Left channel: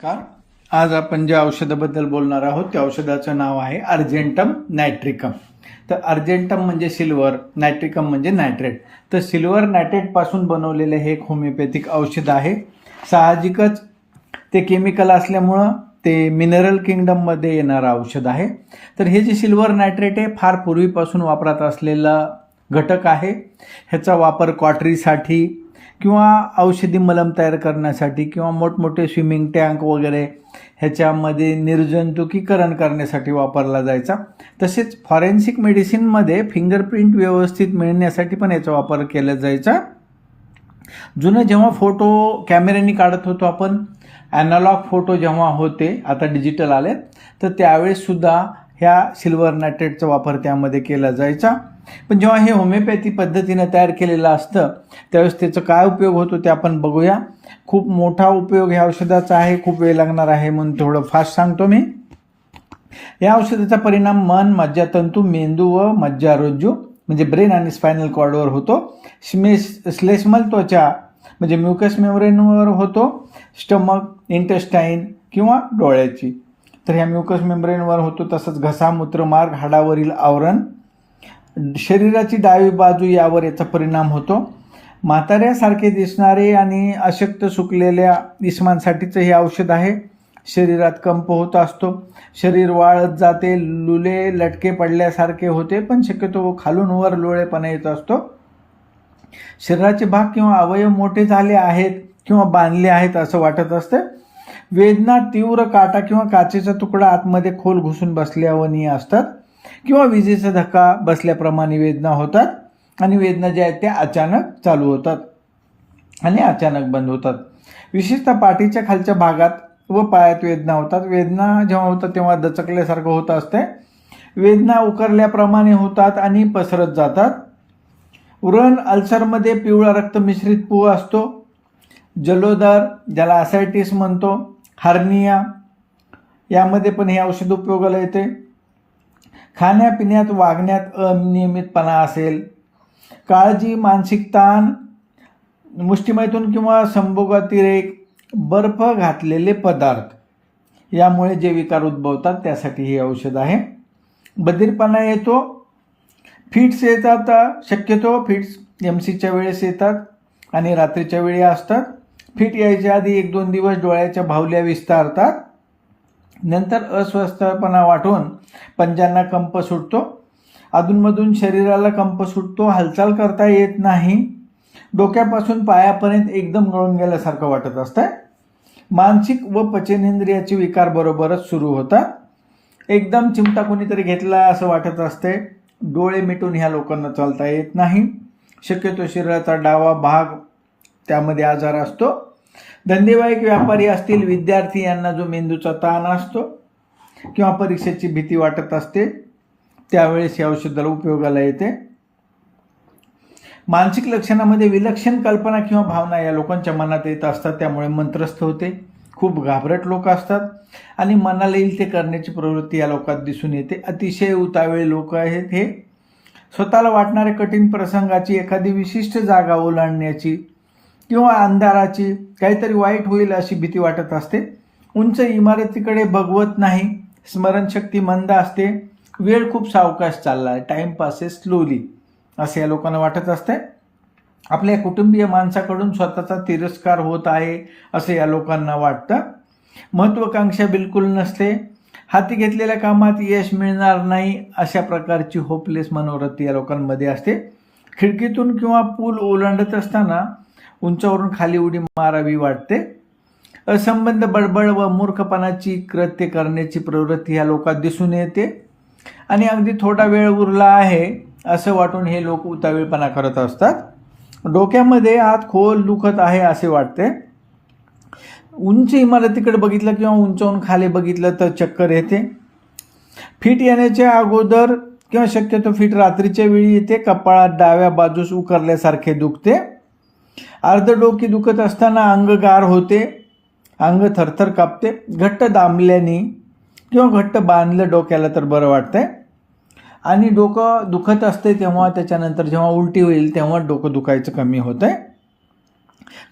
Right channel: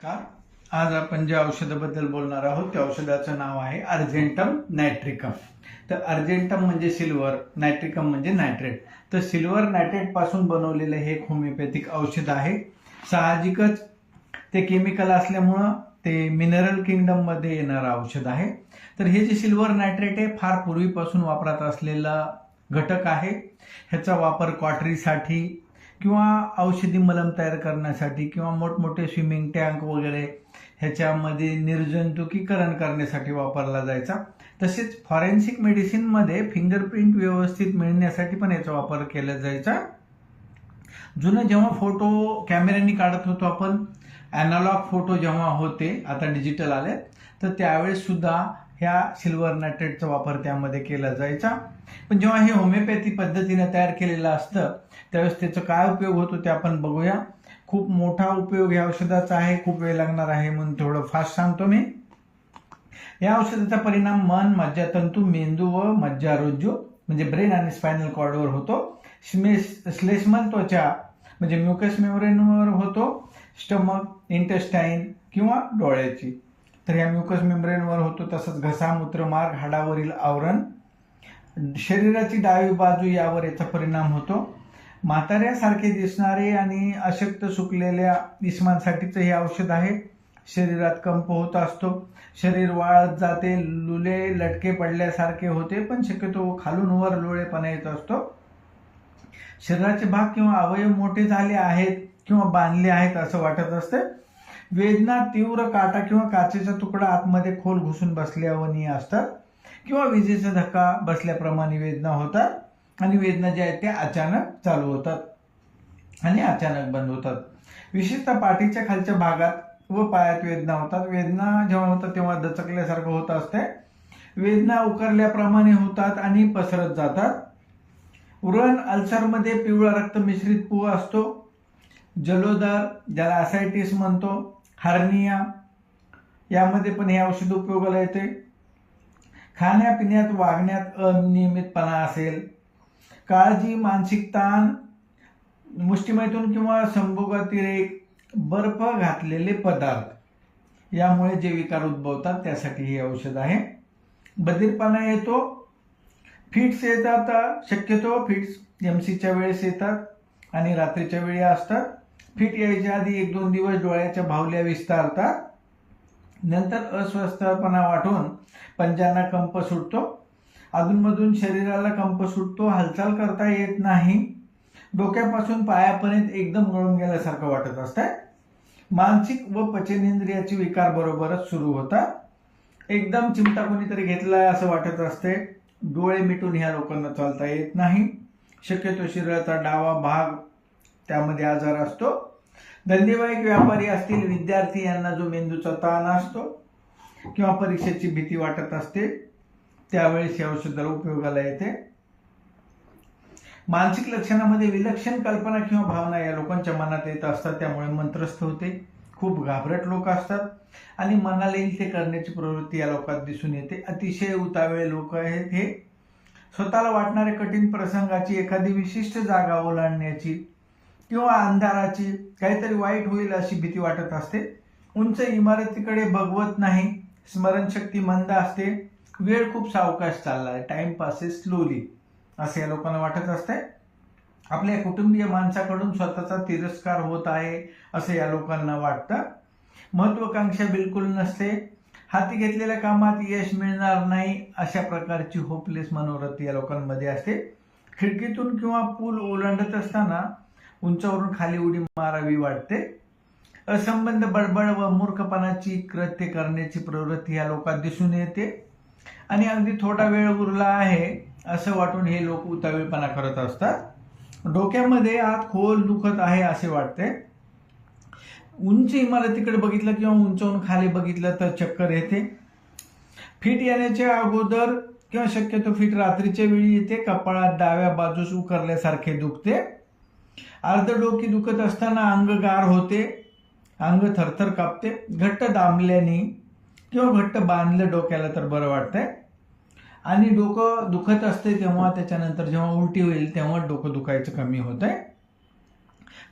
का आज आपण ज्या औषधाबद्दल बोलणार आहोत त्या औषधाचं नाव आहे अर्जेंटम नायट्रिकम. तर अर्जेंटम म्हणजे सिल्वर, नायट्रिकम म्हणजे नायट्रेट. तर सिल्वर नायट्रेट पासून बनवलेलं हे एक होमिओपॅथिक औषध आहे. साहजिकच ते केमिकल असल्यामुळं ते मिनरल किंगडममध्ये येणारं औषध आहे. तर हे जे सिल्वर नायट्रेट आहे फार पूर्वीपासून वापरात असलेला घटक आहे. ह्याचा वापर कॉटरीसाठी किंवा औषधी मलम तयार करण्यासाठी किंवा मोठमोठे स्विमिंग टँक वगैरे ह्याच्यामध्ये निर्जंतुकीकरण करण्यासाठी वापरला जायचा. तसेच फॉरेन्सिक मेडिसिनमध्ये फिंगरप्रिंट व्यवस्थित मिळण्यासाठी पण याचा वापर केला जायचा. जुनं जेव्हा फोटो कॅमेऱ्याने काढत होतो आपण, ॲनालॉग फोटो जेव्हा होते, आता डिजिटल आले, तर त्यावेळेस सुद्धा ह्या सिल्वर नायट्रेटचा वापर त्यामध्ये केला जायचा. पण जेव्हा हे होमिओपॅथी पद्धतीने तयार केलेलं असतं त्यावेळेस त्याचा काय उपयोग होतो ते आपण बघूया. खूप मोठा उपयोग ह्या औषधाचा आहे, खूप वेळ लागणार आहे म्हणून थोडं फास्ट सांगतो मी. या औषधाचा परिणाम मन, मज्जातंतू, मेंदू व मज्जारोज्जू म्हणजे ब्रेन आणि स्पायनल कॉर्डवर होतो. श्लेष्मल त्वचा म्हणजे म्युकस मेम्ब्रेनवर होतो. स्टमक, इंटेस्टाईन किंवा डोळ्याची, तर ह्या म्युकस मेम्ब्रेनवर होतो. तसंच घसा, मूत्रमार्ग, हाडावरील आवरण, शरीराची डावी बाजू यावर याचा परिणाम होतो. म्हाताऱ्यासारखे दिसणारे आणि अशक्त सुकलेल्या इस्मांसाठीचं हे औषध आहे. शरीरात कंप होत असतो, शरीर वाळत जाते, लुले लटके पडल्यासारखे होते, पण शक्यतो खालून वर लोळेपणा येत असतो. शरीराचे भाग किंवा अवयव मोठे झाले आहेत किंवा बांधले आहेत असं वाटत असते. वेदना, तीव्र काटा किंवा काचेचा तुकडा आतमध्ये खोल घुसून बसल्यावानी असतात किंवा विजेचा धक्का बसल्याप्रमाणे वेदना होतात आणि वेदना ज्या आहेत त्या अचानक चालू होतात आणि अचानक बंद होतात. विशेषतः पाठीच्या खालच्या भागात व पायात वेदना होतात. वेदना जेव्हा होतात तेव्हा दचकल्यासारखं होत असते. वेदना उकरल्याप्रमाणे होतात आणि पसरत जातात. व्रण, अल्सरमध्ये पिवळा रक्त मिश्रित पू असतो. जलोदर ज्याला असायटिस म्हणतो, हार्निया यामध्ये पण हे औषध उपयोगाला येते. खाण्यापिण्यात, वागण्यात अनियमितपणा असेल, काळजी, मानसिक ताण, मुष्टिमैथून किंवा संभोगातिरेक, बर्फ घातलेले पदार्थ यामुळे जे विकार उद्भवतात त्यासाठी हे औषध आहे. बधीरपणा येतो, फिट्स येतात. शक्यतो फिट्स एमसीच्या वेळेस येतात आणि रात्रीच्या वेळी असतात. फिट यायच्या आधी 1-2 दिवस डोळ्याच्या भावल्या विस्तारतात. नंतर अस्वस्थपणा वाटून पंजांना कंप सुटतो. अधूनमधून शरीराला कंप सुटतो. हालचाल करता येत नाही. डोक्यापासून पायापर्यंत एकदम गळून गेल्यासारखं वाटत असतं. मानसिक व पचनेंद्रियाचे विकार बरोबरच सुरू होतात. एकदम चिमटा कोणीतरी घेतला असं वाटत असते. डोळे मिटून ह्या लोकांना चालता येत नाही. शक्यतो शरीराचा डावा भाग त्यामध्ये आजार असतो. धंदेवाईक व्यापारी असतील, विद्यार्थी यांना जो मेंदूचा ताण असतो किंवा परीक्षेची भीती वाटत असते त्यावेळेस या औषधाला उपयोगाला येते. मानसिक लक्षणामध्ये विलक्षण कल्पना किंवा भावना या लोकांच्या मनात येत असतात, त्यामुळे मंत्रस्थ होते. खूप घाबरट लोक असतात आणि मनाला येईल ते करण्याची प्रवृत्ती या लोकांत दिसून येते. अतिशय उतावळे लोक आहेत हे. स्वतःला वाटणाऱ्या कठीण प्रसंगाची, एखादी विशिष्ट जागा ओलांडण्याची किंवा अंधाराची, काहीतरी वाईट होईल अशी भीती वाटत असते. उंच इमारतीकडे बघवत नाही. स्मरणशक्ती मंद असते. वेळ खूप सावकाश चालला आहे, टाइम पासेस स्लोली असे या लोकांना वाटत असते. आपल्या कुटुंबीय माणसाकडून स्वतःचा तिरस्कार होत आहे असं या लोकांना वाटतं. महत्त्वाकांक्षा बिलकुल नसते. हाती घेतलेल्या कामात यश मिळणार नाही अशा प्रकारची होपलेस मनोवृत्ती या लोकांमध्ये असते. खिडकीतून किंवा पूल ओलांडत असताना उंचावरून खाली उडी मारावी वाटते. असंबंध बडबड व मूर्खपणाची कृत्य करण्याची प्रवृत्ती या लोकांत दिसून येते आणि अगदी थोडा वेळ उरला आहे असं वाटून हे लोक उतावीळपणा करत असतात. डोक्यामध्ये आत खोल दुखत आहे असे वाटते. उंच इमारतीकडे बघितलं किंवा उंचावरून खाली बघितलं तर चक्कर येते. फिट येण्याच्या अगोदर किंवा शक्यतो फिट रात्रीच्या वेळी येते. कपाळात डाव्या बाजूस उकरल्यासारखे दुखते. अर्धडोकी दुखत असताना अंग गार होते. अंग थरथर कापते. घट्ट दाबल्याने किंवा घट्ट बांधलं डोक्याला तर बरं वाटतंय. आणि डोकं दुखत असते तेव्हा त्याच्यानंतर जेव्हा उलटी होईल तेव्हा डोकं दुखायचं कमी होतंय.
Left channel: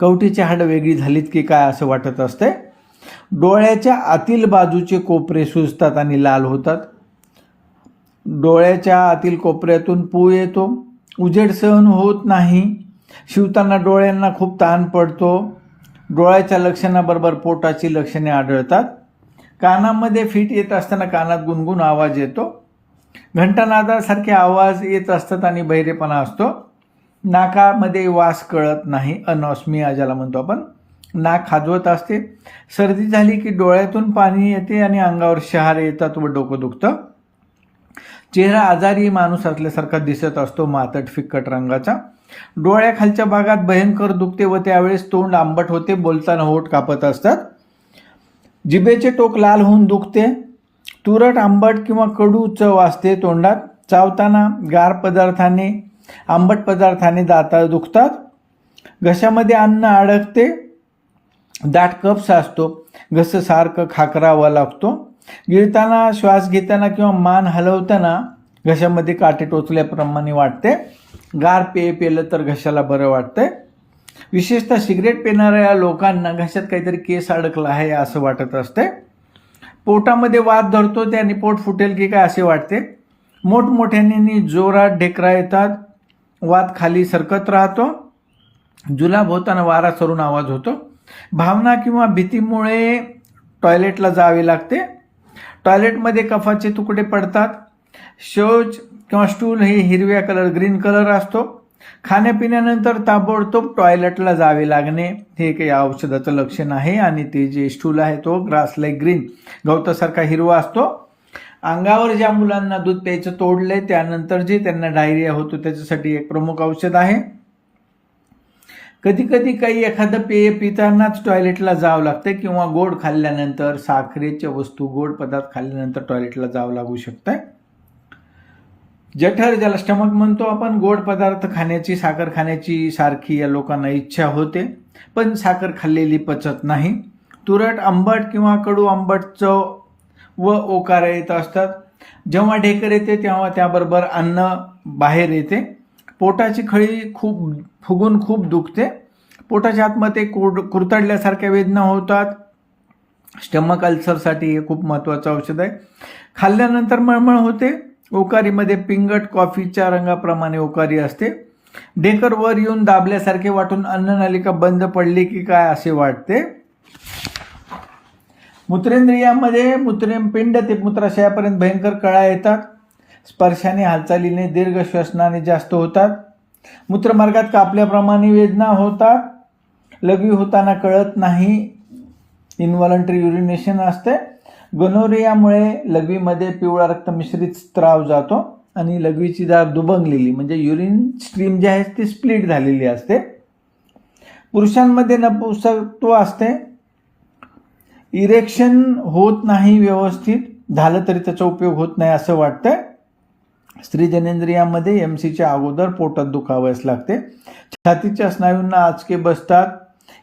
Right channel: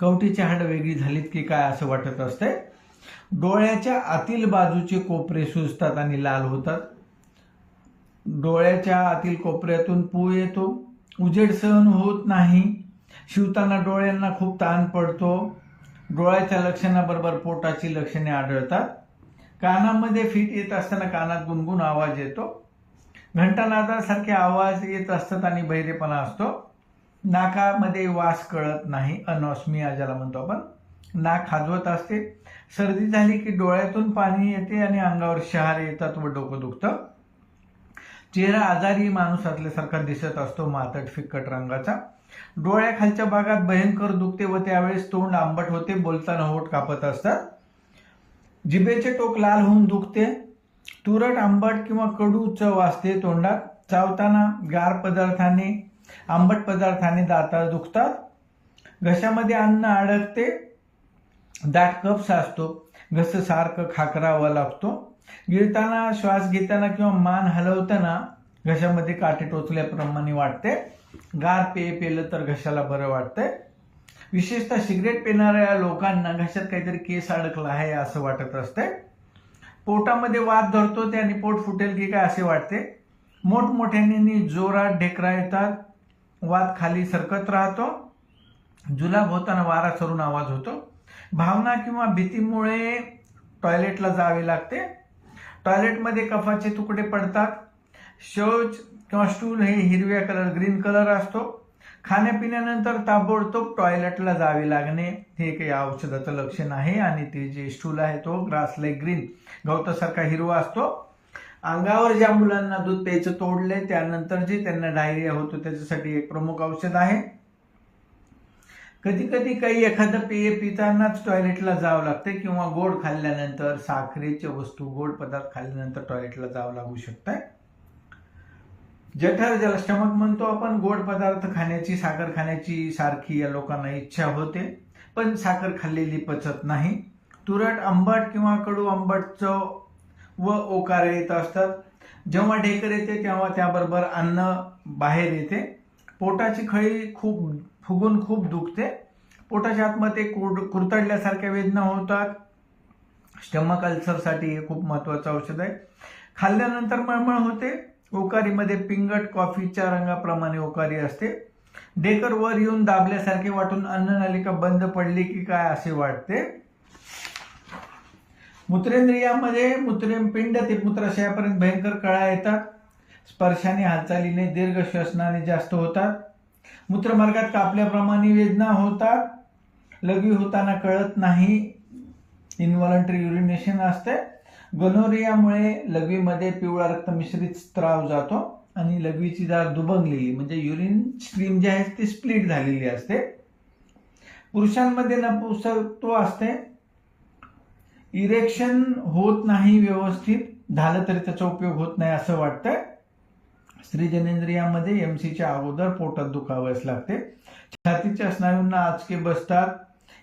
कवटीची हाडं वेगळी झालीत की काय असं वाटत असते. डोळ्याच्या आतील बाजूचे कोपरे सुजतात आणि लाल होतात. डोळ्याच्या आतील कोपऱ्यातून पू येतो. उजेड सहन होत नाही. शिवताना डोळ्यांना खूप ताण पडतो. डोळ्याच्या लक्षणाबरोबर पोटाची लक्षणे आढळतात. कानामध्ये फिट येत असताना कानात गुणगुण आवाज येतो. घंटानादासारखे आवाज येत असतात आणि बहिरेपणा असतो. नाकामध्ये वास कळत नाही, अनॉस्मिया ज्याला म्हणतो आपण. नाक खाजवत असते. सर्दी झाली की डोळ्यातून पाणी येते आणि अंगावर शहारे येतात व डोकं दुखतं. चेहरा आजारी माणूस असल्यासारखा दिसत असतो, मातट फिक्कट रंगाचा. डोळ्याखालच्या भागात भयंकर दुखते व त्यावेळेस तोंड आंबट होते, बोलताना होठ कापत असतात. जिभेचे टोक लाल होऊन दुखते. तुरट आंबट किंवा कडू चव असते तोंडात. चावताना गार पदार्थाने, आंबट पदार्थाने दात दुखतात. घशामध्ये अन्न अडकते. दाट कफ साचतो. घसा सारखं खाकरावा लागतो. गिळताना, श्वास घेताना किंवा मान हलवताना घशामध्ये काटे टोचल्याप्रमाणे वाटते. गार पेय पिलं तर घशाला बरं वाटतंय. विशेषतः सिगरेट पिणाऱ्या लोकांना घशात काहीतरी केस अडकला आहे असं वाटत असते. पोटामध्ये वात धरतो ते आणि पोट फुटेल की काय असे वाटते. मोठमोठ्याने जोरात ढेकरा येतात. वात खाली सरकत राहतो. जुलाब होताना वारा सरून आवाज होतो. भावना किंवा भीतीमुळे टॉयलेटला जावे लागते. टॉयलेटमध्ये कफाचे तुकडे पडतात. शौच किंवा स्टूल हे हिरव्या ग्रीन कलर असतो. खाण्यापिण्यानंतर ताबडतोब टॉयलेटला जावे लागणे हे काही औषधाचं लक्षण आहे. आणि ते जे स्टूल आहे तो ग्रास लाईक ग्रीन, गवतासारखा हिरवा असतो. अंगावर ज्या मुलांना दूध प्यायचं तोडले त्यानंतर जे त्यांना डायरिया होतो त्याच्यासाठी एक प्रमुख औषध आहे. कधी कधी काही एखादं पेय पितानाच टॉयलेटला जावं लागतं किंवा गोड खाल्ल्यानंतर, साखरेच्या वस्तू, गोड पदार्थ खाल्ल्यानंतर टॉयलेटला जावं लागू शकतं. जठर ज्याला स्टमक म्हणतो आपण, गोड पदार्थ खाण्याची, साखर खाण्याची सारखी या लोकांना इच्छा होते, पण साखर खाल्लेली पचत नाही. तुरट आंबट किंवा कडू आंबट चव व ओकार येत असतात. जेव्हा ढेकर येते तेव्हा त्याबरोबर अन्न बाहेर येते. पोटाची खळी फुगून खूप दुखते. पोटाच्या आतमध्ये कुरतडल्यासारख्या वेदना होतात. स्टमक अल्सरसाठी हे खूप महत्त्वाचं औषध आहे. खाल्ल्यानंतर मळमळ होते. ओकारीमध्ये पिंगट कॉफीच्या रंगाप्रमाणे ओकारी असते. ढेकर वर येऊन दाबल्यासारखे वाटून अन्ननलिका बंद पडली की काय असे वाटते. मूत्रेंद्रियामध्ये मूत्रपिंड ते मूत्राशयापर्यंत भयंकर कळा येतात. स्पर्शाने, हालचालीने, दीर्घ श्वसनाने जास्त होतात. मूत्रमार्गात कापल्याप्रमाणे वेदना होतात. लघवी होताना कळत नाही, इन्व्हॉलंटरी युरिनेशन असते. गोनोरियामुळे लघवीमध्ये पिवळा रक्त मिश्रित स्त्राव जातो आणि लघवीची दार दुभंगलेली म्हणजे युरिन स्ट्रीम जी आहे ती स्प्लिट झालेली असते. पुरुषांमध्ये नपुंसकत्व असते. इरेक्शन होत नाही व्यवस्थित, झालं तरी त्याचा उपयोग होत नाही असं वाटतं. स्त्री जनेंद्रियामध्ये एमसीच्या अगोदर पोटात दुखावयास लागते. छातीच्या स्नायूंना आचके बसतात.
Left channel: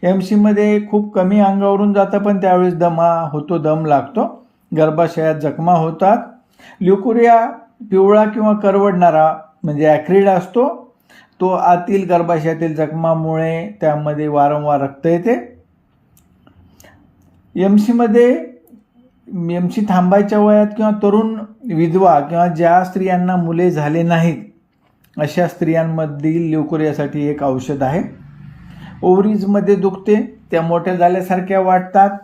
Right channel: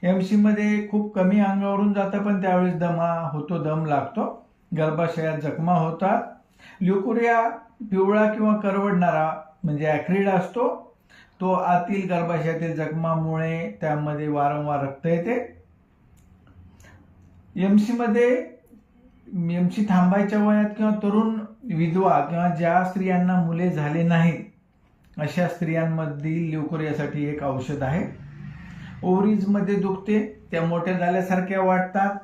एमसीमध्ये खूप कमी अंगावरून जातं पण त्यावेळेस दमा होतो, दम लागतो. गर्भाशयात जखमा होतात. ल्युकोरिया पिवळा किंवा करवडणारा म्हणजे ॲक्रिड असतो. तो आतील गर्भाशयातील जखमामुळे त्यामध्ये वारंवार रक्त येते. एमसी थांबायच्या वयात किंवा तरुण विधवा किंवा ज्या स्त्रियांना मुले झाले नाहीत अशा स्त्रियांमधील ल्युकोरियासाठी एक औषध आहे. ओव्हरीजमध्ये दुखते, त्या मोठ्या झाल्यासारख्या वाटतात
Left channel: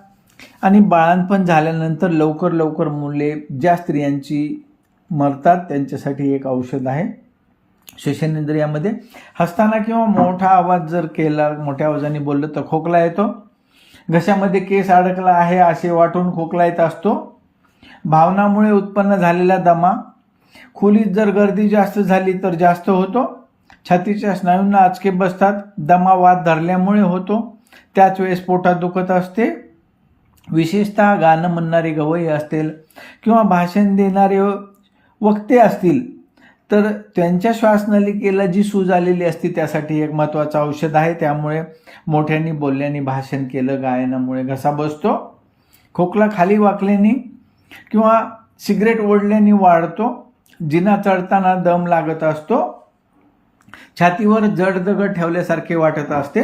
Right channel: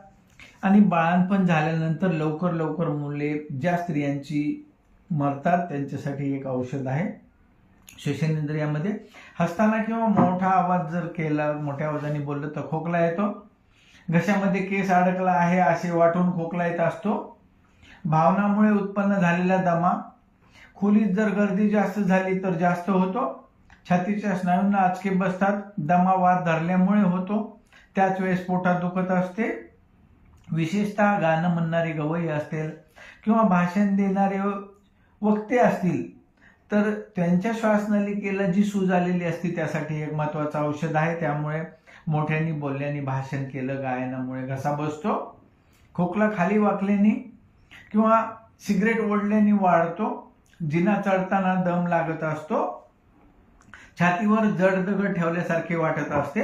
आणि बाळंतपण झाल्यानंतर लवकर मुले ज्या स्त्रियांची मरतात त्यांच्यासाठी एक औषध आहे. श्वसनेंद्रियामध्ये हसताना किंवा मोठा आवाज जर केला, मोठ्या आवाजाने बोललं तर खोकला येतो. घशामध्ये केस अडकला आहे असे वाटून खोकला येत असतो. भावनामुळे उत्पन्न झालेला दमा. खोलीत जर गर्दी जास्त झाली तर जास्त होतो. छातीच्या स्नायूंना आचके बसतात. दमा वात धरल्यामुळे होतो. त्याच वेळेस पोटात दुखत असते. विशेषतः गाणं म्हणणारे गवई असतील किंवा भाषण देणारे वक्ते असतील तर त्यांच्या श्वासनलिकेला जी सूज आलेली असते त्यासाठी एक महत्त्वाचं औषध आहे. त्यामुळे मोठ्यांनी बोलल्याने, भाषण केलं, गायनामुळे घसा बसतो. खोकला खाली वाकल्याने किंवा सिगरेट ओढल्याने वाढतो. जिना चढताना दम लागत असतो. छातीवर जड दगड ठेवल्यासारखे वाटत असते.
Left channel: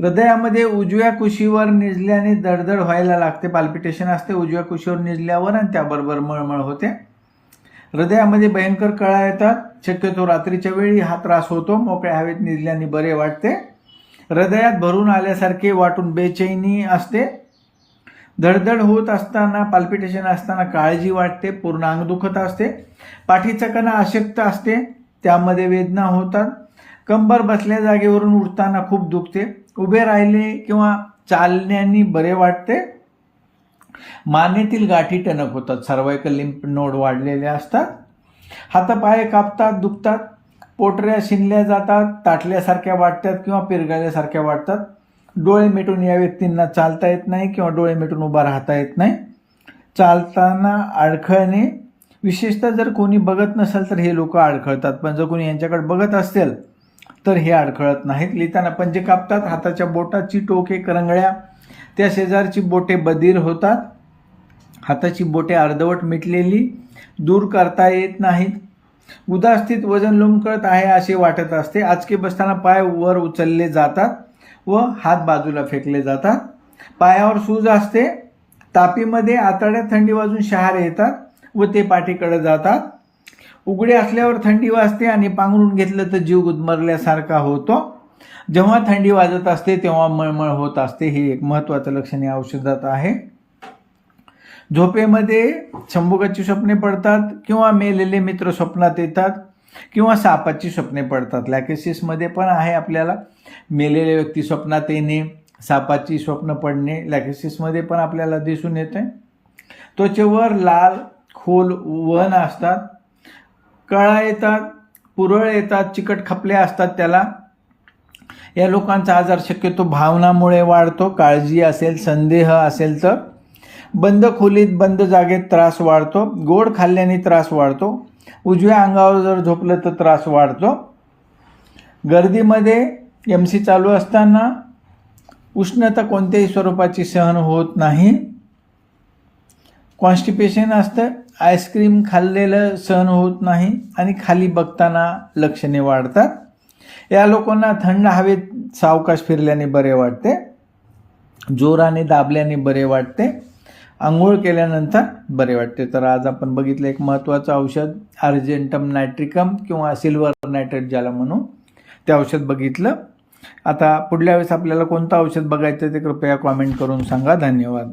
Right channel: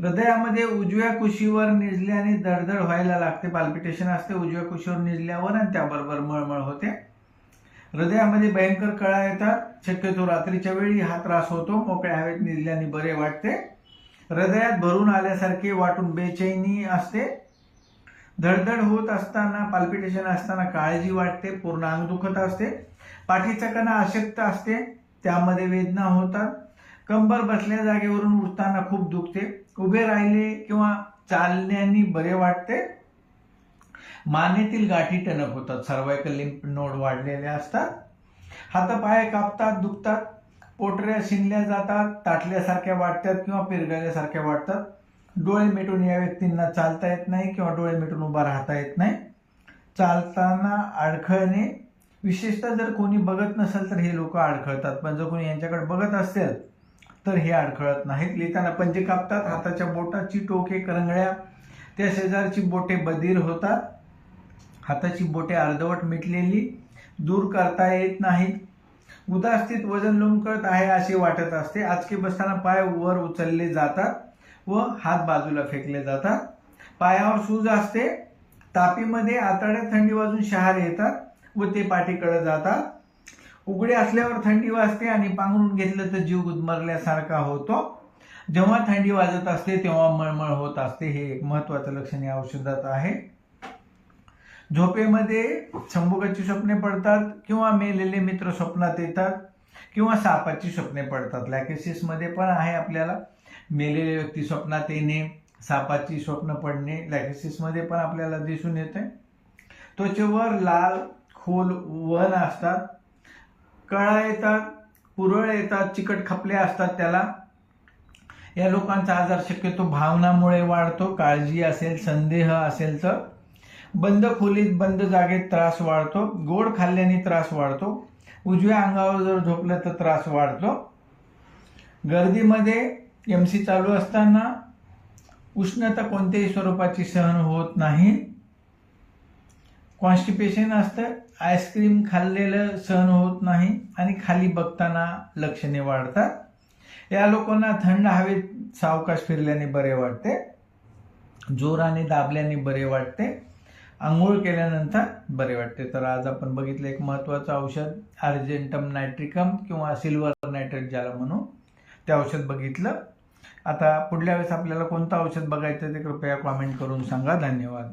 हृदयामध्ये उजव्या कुशीवर निजल्याने धडधड व्हायला लागते, पाल्पिटेशन असते उजव्या कुशीवर निजल्यावर आणि त्याबरोबर मळमळ होते. हृदयामध्ये भयंकर कळा येतात, शक्यतो रात्रीच्या वेळी हा त्रास होतो. मोकळ्या हवेत निजल्याने बरे वाटते. हृदयात भरून आल्यासारखे वाटून बेचैनी असते. धडधड होत असताना, पाल्पिटेशन असताना काळजी वाटते, पूर्ण अंग दुखत असते. पाठीचा कणा अशक्त असते, त्यामध्ये वेदना होतात. कंबर बसल्या जागेवरून उठताना खूप दुखते. उभे राहिले किंवा चालण्याने बरे वाटते. मानेतील गाठी टणक होतात, सर्वायकल लिम्फ नोड वाढलेले असतात. हातापाय कापतात, दुखतात. पोटऱ्या शिनल्या जातात, ताटल्यासारख्या वाटतात किंवा पिरगळल्यासारख्या वाटतात. डोळे मिटून या व्यक्तींना चालता येत नाही किंवा डोळे मिटून उभा राहता येत नाही. चालताना अडखळणे, विशेषतः जर कोणी बघत नसेल तर हे लोक अडखळतात, पण जर कोणी यांच्याकडे बघत असेल तर हे अडखळत नाहीत. लिहिताना पंजे कापतात, हाताच्या बोटाची टोके करंगळ्या, त्या शेजारची बोटे बधीर होतात. हाताची बोटे अर्धवट मिटलेली, दूर करता येत नाहीत. उदास्थित, वजन लोंबकळत आहे असे वाटत असते. आचके बसताना पाय वर उचलले जातात व हात बाजूला फेकले जातात. पायावर सूज असते. तापीमध्ये आतड्यात थंडी वाजून शहारे येतात व ते पाठीकडे जातात. उघडे असल्यावर थंडी वाजते आणि पांघरून घेतलं तर जीव गुदमरल्यासारखा होतो. जेव्हा थंडी वाजत असते तेव्हा मळमळ होत असते. हे एक महत्त्वाचं लक्षण या औषधात आहे. झोपेमध्ये संभोगाची स्वप्ने पडतात किंवा मेलेले मित्र स्वप्नात येतात किंवा सापाची स्वप्ने पडतात. लॅकेसिसमध्ये पण आहे आपल्याला मेलेले व्यक्ती स्वप्नात येणे, सापाची स्वप्न पडणे, लॅकेसिसमध्ये पण आपल्याला दिसून येते. त्वचेवर लाल खोल वण असतात, कळा येतात, पुरळ येतात, चिकट खपल्या असतात त्याला. या लोकांचा आजार शक्यतो भावनामुळे वाढतो. काळजी असेल, संदेह असेल तर. बंद खोलीत, बंद जागेत त्रास वाढतो. गोड खाल्ल्याने त्रास वाढतो. उजव्या अंगावर जर झोपलं तर त्रास वाढतो. गर्दीमध्ये MC चालू असताना उष्णता कोणत्याही स्वरूपाची सहन होत नाही. कॉन्स्टिपेशन असतं, आईस्क्रीम खाल्लेलं सहन होत नाही आणि खाली बघताना लक्षणे वाढतात. या लोकांना थंड हवेत सावकाश फिरल्याने बरे वाटते. जोराने दाबल्याने बरे वाटते. आंघोळ केल्यानंतर बरे वाटते. तर आज आपण बघितलं एक महत्त्वाचं औषध अर्जेंटम नायट्रिकम किंवा सिल्वर नायट्रेट ज्याला म्हणू, ते औषध बघितलं. आता पुढल्या वेळेस आपल्याला कोणतं औषध बघायचं ते कृपया कॉमेंट करून सांगा. धन्यवाद.